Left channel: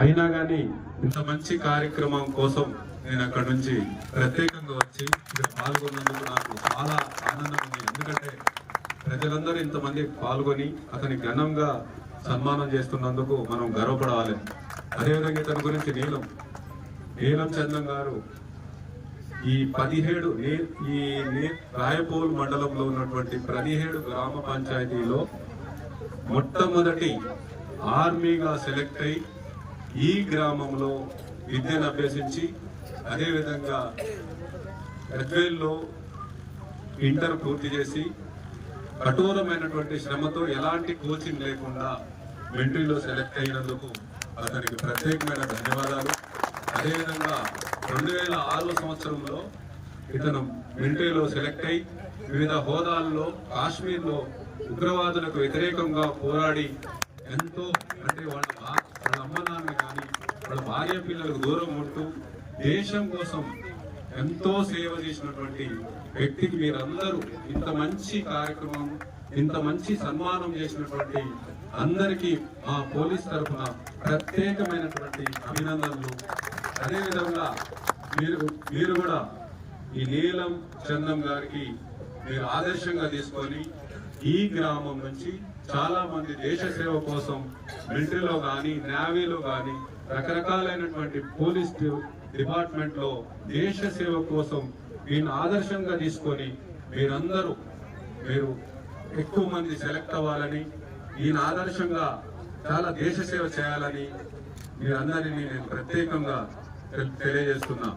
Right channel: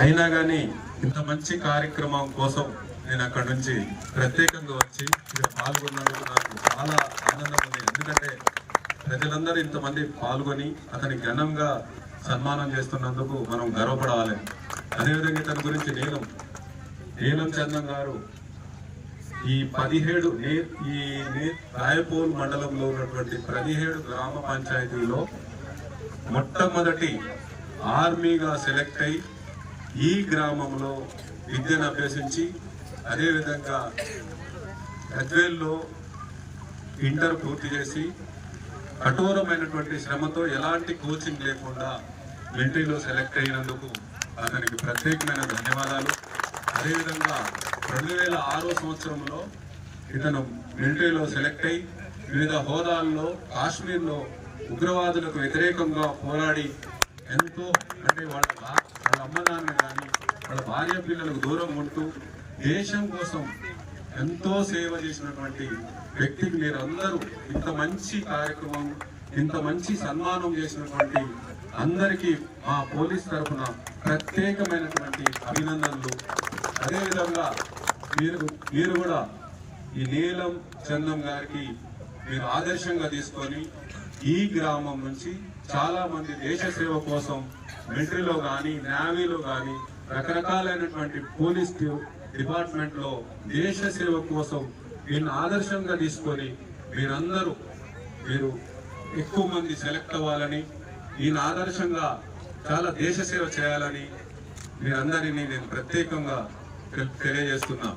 అయినా కానీ ఇంత మంచి కార్యక్రమం కోసం నేను అక్కడ నుంచి ప్రత్యేకంగా వచ్చి ఇక్కడ పాల్గొన్నందుకు నాకు చాలా ఆనందం ఉంది. ఎందుకంటే ప్రజలందరూ ఇంతమంది పాల్గొని అతని ఘనంగా సన్మానం చేస్తున్నందుకు మనం గర్వపడాలి. అదేవిధంగా ఇతని గురించి నీలం నీలం చందం గారు ఈ పదిహేడు నే- ఈ నే- మండలంలో ఉన్నటువంటి పదిహేడు గ్రామ పంచాయతీలో మొట్టమొదటి ఆర్మీగా సెలెక్ట్ అయి ఈ గ్రామంలో విద్యను అభ్యసించి అదేవిధంగా అద్వేల్లో ఇంటర్ పూర్తి చేసి కఠోరమైనటువంటి శ్రమతో ఎలాంటి కోచింగ్ లేకుండా మిలిటరీలో సెలెక్ట్ అయినందుకు అతనికి ప్రత్యేకమైన ధన్యవాదాలు. అదేవిధంగా రెండు వేల ఆరో సంవత్సరంలో ఇతను మిలిటరీలో సెలెక్ట్ అయి వివిధ హోదాల్లో కాశ్మీర్లో ఉగ్రవాదులకు వ్యతిరేకంగా పోరాడి ఎంతో అంటే వాళ్ళ వాళ్ళ అమ్మ నాన్న కానీ వాళ్ళ భార్య పిల్లలకు దూరం ఉంటూ దేశం కోసం ఎంతో సేవ చేసినటువంటి వ్యక్తికి మీరందరూ ఇంత మంచి కార్యక్రమం ఇంత మంచి సన్మానం చేసినటువంటి అందరికీ మా పోలీస్ తరఫున ప్రత్యేకమైనటువంటి అభినందనలు. అదేవిధంగా మీరు మీరు కూడా ఈ నీలం చందం గారికి మీరు ఆదర్శంగా తీసుకొని ఈ గ్రామం నుంచి చాలా మంది దేశ సేవ కోసం మిలిటరీలో కానీ నేవీలో కానీ రకరకాలైనటువంటి పోలీస్ డిపార్ట్మెంట్లో దేశ సేవ కోసం వీళ్ళని ఆదర్శంగా తీసుకొని మీరందరూ మీరు ఎక్కువ మంది సెలెక్ట్ అవ్వాలని ఈయన ఆదర్శంగా చాలా దేశ సేవ చేయాలని మీరందరినీ నేను ప్రత్యేకంగా తెలియజేస్తున్నా.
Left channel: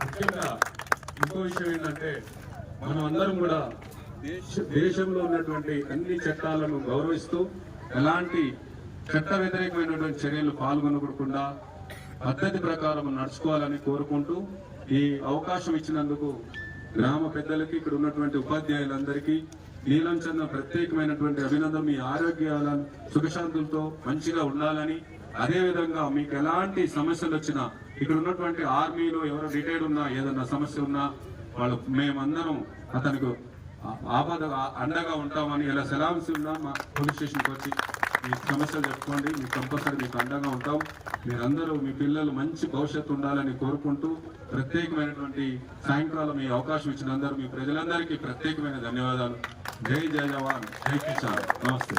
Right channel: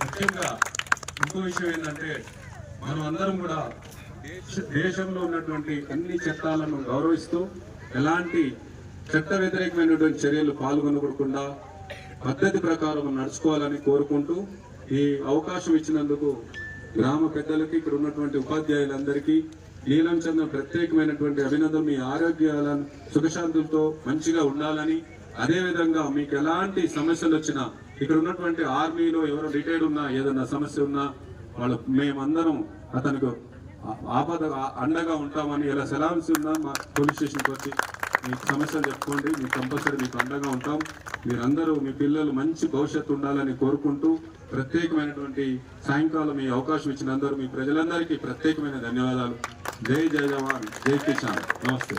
ముఖ్యంగా ఇంకో విషయం ఏంటంటే మనం అందరం కూడా దేశంలో ఉన్నటువంటి అన్ని చట్టాలను గౌరవిస్తూ ఎలాంటి చట్ట వ్యతిరేకమైనటువంటి చర్యలు పాల్గొనకుండా పద్ధతి ప్రకారం నడుచుకోవాలని కోరుకుంటూ ఈ అవకాశం ఇచ్చినందుకు గ్రామ పెద్దలకి ఇక్కడ ఉన్నటువంటి ఉపాధ్యాయులందరికీ నీలం చంద్ర ప్రత్యేకమైనటువంటి అభినందనలు. మీ ఆరోగ్యాలను సుఖశాంతులతో మంచిగా ఉండాలని అదేవిధంగా మీకు ఎలాంటి సమస్యలు వచ్చినా ఇక్కడ ఉన్నటువంటి ఆర్మీలో ఎవరో రిటైర్డ్ ఉన్నా ఏదన్నా సమస్య ఉన్నా వాళ్ళు మేమందరం అతనికి ఆపద అండగా ఉంటామని ఇలా సెలాన్స్ ఉన్నా మా పోలీస్ స్టేషన్కి వచ్చి మీ సమస్యలు చెప్పుకోండి మీకు కంపల్సరీ మీకు అండగా ఉంటాం. మీరందరూ మీ పిల్లలు మంచి భవిష్యత్తు ఉండాలని కోరుకుంటూ ప్రత్యేకమైనటువంటి సాయంకాలం ఈ అవకాశం ఇచ్చిన అందరూ మీ ప్రజలందరికీ ప్రత్యేకమైన ధన్యవాదాలు. జై జై జవాన్ జై కిసాన్. నమస్తే.